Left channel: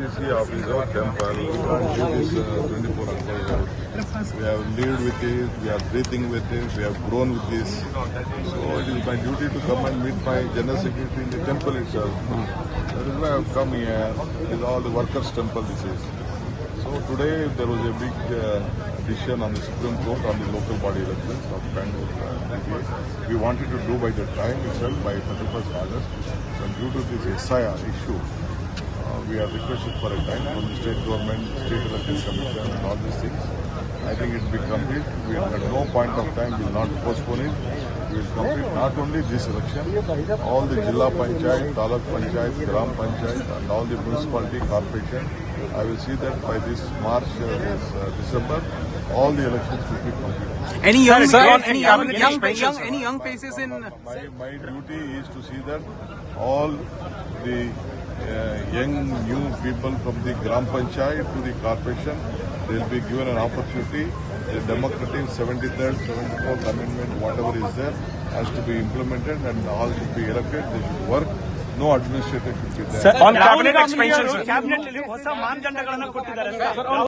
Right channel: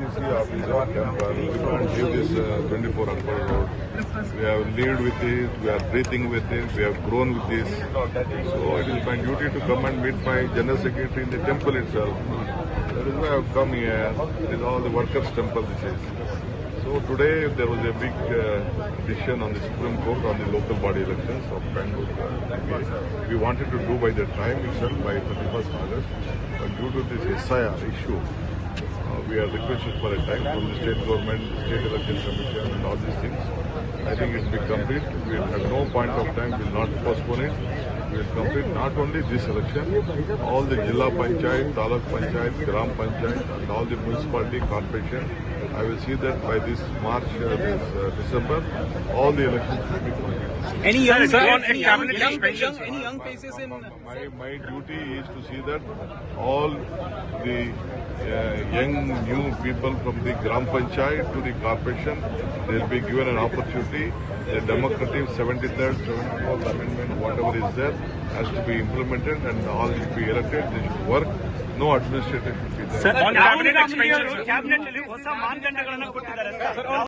DCC office or temple. We can't leave this 24 Akbar Road. We have lived with this, we are breathing with this, we have grown with this. So it is my duty to come and meet my General Secretary in the temple itself. That is why I have come here. It is all the workers' temple this is. So today there was a big decision on the Supreme Court on the local body elections of Bangalore BBA. We wanted to do by the time itself by 31st August, but due to this SIR issue, we are requested for a time from the state government, state election commission and all these things. I think it will be complete. We will at no point of time will not postpone it. We will complete not only this election, all the Jilla Panchayat, Taluk Panchayat, Gram Panchayat and all the municipality corporation. I will see that by this March, December, all the elections will be completed. Any young, Sir, on any cabinet young, expansion, sir. any young faces in? My duty is to see that all the young new people from the Gram Panchayat to the corporation, they will be given an opportunity. The democratic 73rd, 74th amendment, whatever is there, has to be implemented and all should be elected. They should work. No administrative should be there. On cabinet expansion, sir.